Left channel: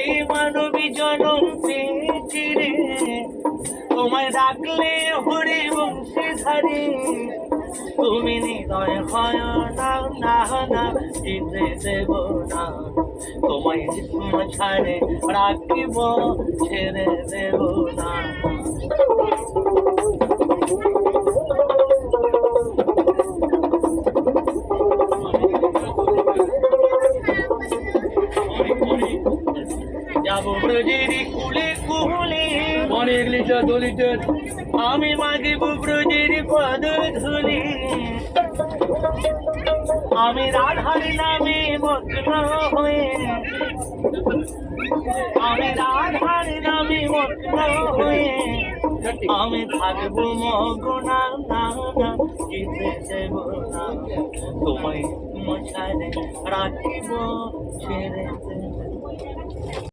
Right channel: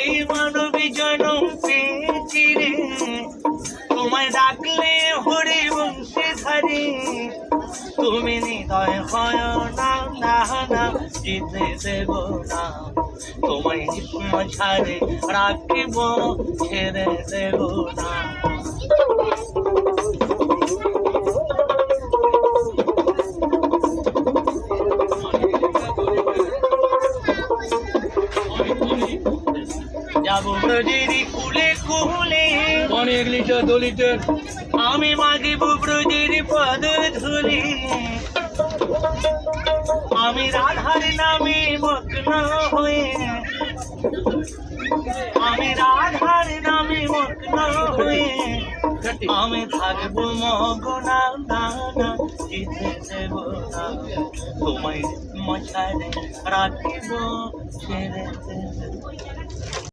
এই মানবী জনম পেয়েছি রে, তোমায় ডাকলে হরি বংশী ধারি। তুমি হৃদয় হয় না, না না যেতে দেব না, তোমায় ছাড়ে রাখিব, ছেড়ে দেব না। যাবো ব্রজের কুলে কুলে, অনেক লিটার 2 লিটার। আমি মাগিব ব্রজের পদ ধুলি। আমি রাধার নামে মগ্ন হয়ে, আমি রাধার নামে মগ্ন হয়ে, আমি থাকবো মগনা, না না যেতে দেব না, তোমায় মশারে রাখিব, ছেড়ে দেব।